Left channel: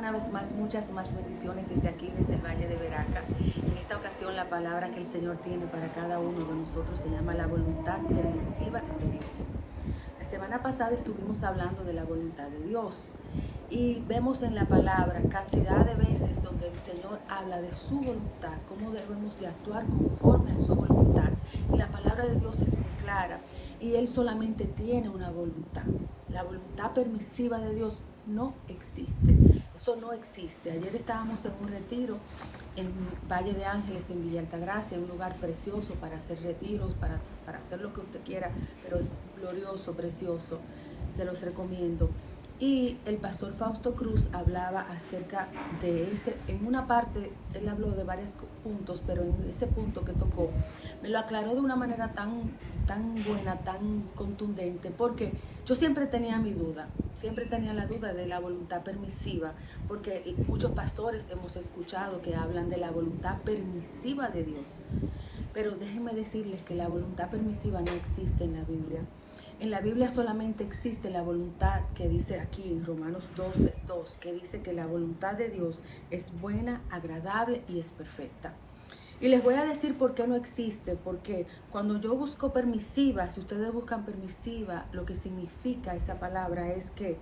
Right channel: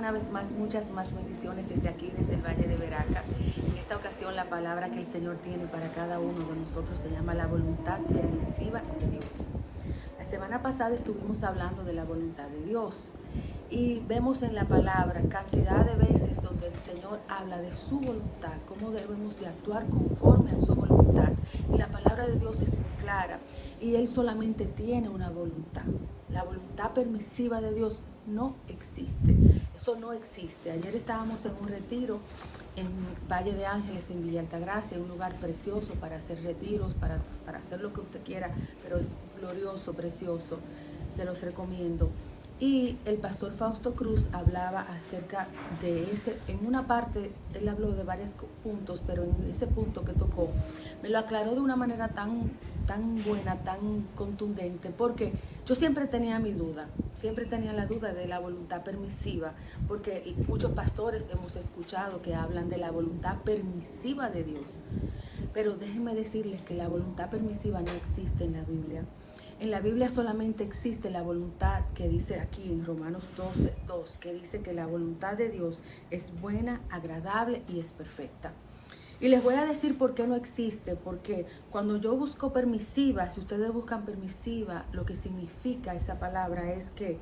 Una vez más, muchas más bendiciones desde aquí, desde el Valle de Veraca. En esta ocasión, la palabra que el Señor tiene para cada uno de nosotros se llama la voluntad permisiva de Dios. La semana pasada estuvimos hablando de la voluntad de Dios y vemos en la palabra cantidad de veces donde el Señor habla de su voluntad, cómo debemos de actuar conforme a su voluntad. Y la palabra de Dios es muy clara y Él solamente tiene una voluntad. La voluntad permisiva de Dios no existe. Eso no existe. Ayer estábamos en un retiro en Valle de Ángeles, en Villa Altagracia, un lugar precioso para hacer retiros, para hacer lo que usted quiera, pero es glorioso, precioso. Se los recomiendo. Y el pastor Fausto Cruz hablaba acerca de ese, en una parte él habló de varios puntos, pero en ese punto que tocó, me lo aclaró de una manera tan buena, tan contundente, porque yo siempre tenía mi duda, siempre tenía la duda de la voluntad permisiva, porque muchos pastores hemos escuchado que hablan de la voluntad permisiva de Dios. Pero déjenme decirles que la voluntad permisiva no existe en la Biblia. En la Biblia solamente existe la voluntad que dice aquí en Romanos 12:2, que dice que la voluntad de Dios es buena, agradable y es perfecta. Y les voy a decir por qué no existe, porque cuando yo busco permisiva, si ustedes buscan permisiva, lo que significa esa palabra es que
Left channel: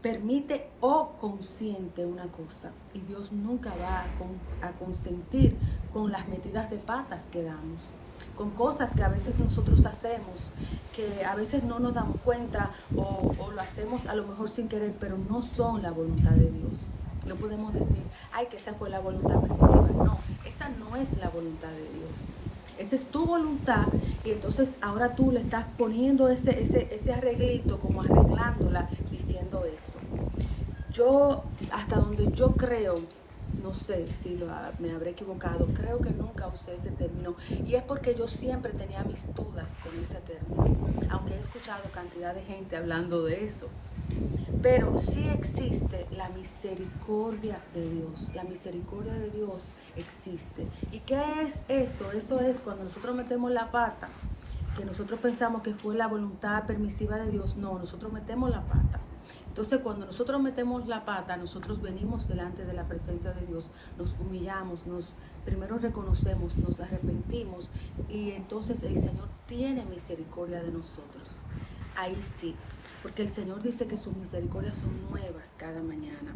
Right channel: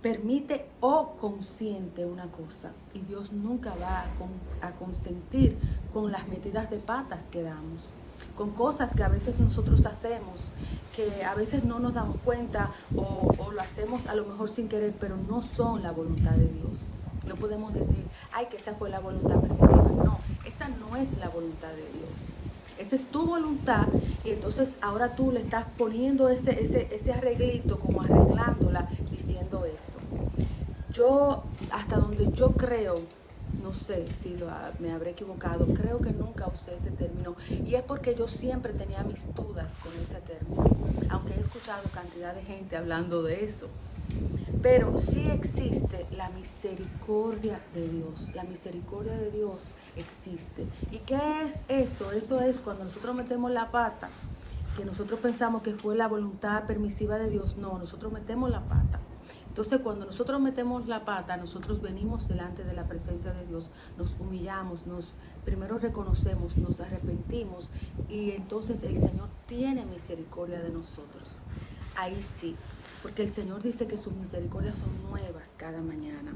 permite o consiente una cosa. Y Dios nunca va a consentir con las metidas de patas que damos, con cosas que a veces nosotros hacemos, que a veces no nos damos cuenta o lo hacemos a lo mejor sin querer, pero no son la voluntad de Dios. No podemos decir, ay, que esa fue la voluntad permisiva. No, esa no es la voluntad de Dios. Esa es tu voluntad y entonces ahora tú le estás poniendo ese arreglito, como arreglándola, diciendo eso. Yo, hasta donde yo creo, no sé si me habré equivocado, creo que nunca usé ese término y es porque yo siempre tenía mis dudas con ese término, aunque he escuchado cantidad de gente hablando de eso. Pero sí existe la misericordia de Dios. La misericordia de Dios existe. ¿Y qué es eso? Eso es cuando nosotros metemos la pata, que nosotros pensamos que fue la voluntad permisiva de Dios. No, nosotros metemos la pata. Entonces, cuando nosotros metemos la pata, nosotros venimos delante de la presencia de Dios, nos humillamos, primero reconocemos, nos arrepentimos y entonces el Señor tiene misericordia de nosotros. Ahí sí, porque el Señor dice que sus misericordias son nuevas cada mañana.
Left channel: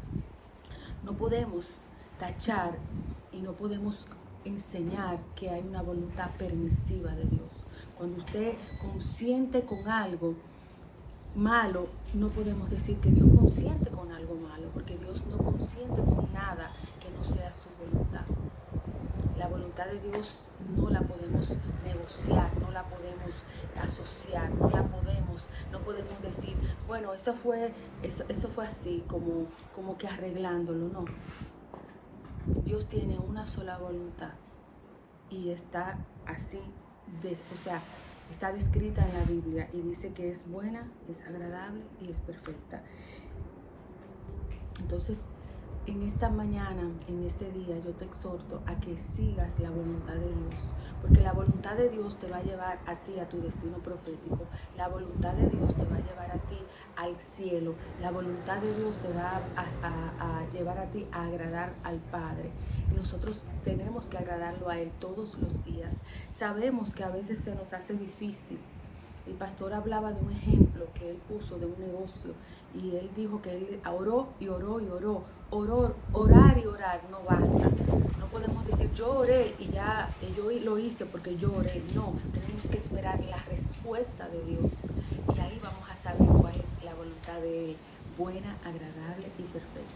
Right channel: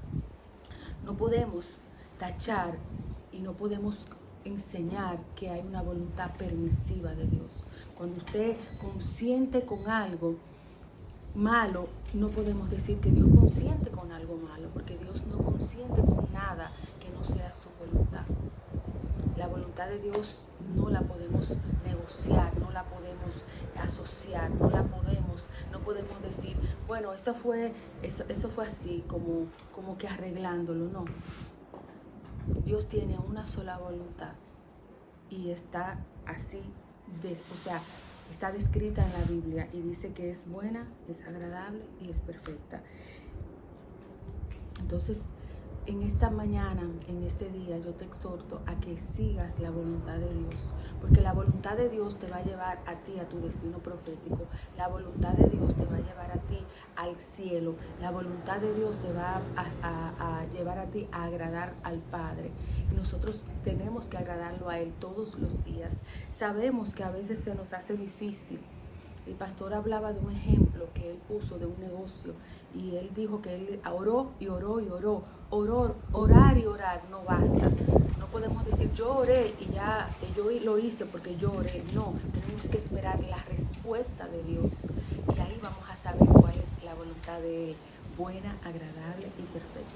No podemos tachar y no podemos enseñar que hay una voluntad permisiva de Dios. Cuando usted consiente con algo malo, no podemos decir que Dios consiente con algo malo, porque Dios no consiente con nada que no sea su voluntad. La voluntad de Dios no la podemos negociar, no la podemos asociar, no podemos decir, bueno, eso fue así, como que arreglándolo, no. Dios tiene una sola voluntad y está así, o sea, está descrita en la Biblia y dice que es buena, es agradable y es perfecta. Entonces, en esta mañana, en este día, yo te exhorto a que sigas la voluntad de Dios, porque la voluntad de Dios te va a llevar a ti a tu destino profético, la voluntad de Dios te va a llevar a ti al cielo, la voluntad de Dios te va a llevar a ti a agradar al Padre. Y nosotros tenemos que agradarlo a Él todos los días. Sabemos que a veces se nos hace difícil. El pastor hablaba de un ejemplo que él puso de un negocio y él dijo que él oró y oró y oró. Orar y orar no basta. No podemos decir yo oré y ya yo lo hice porque yo oré. No, tenemos que esperar la respuesta de Dios y ahí vamos a saber cuál es la voluntad de Él, buena, agradable y perfecta.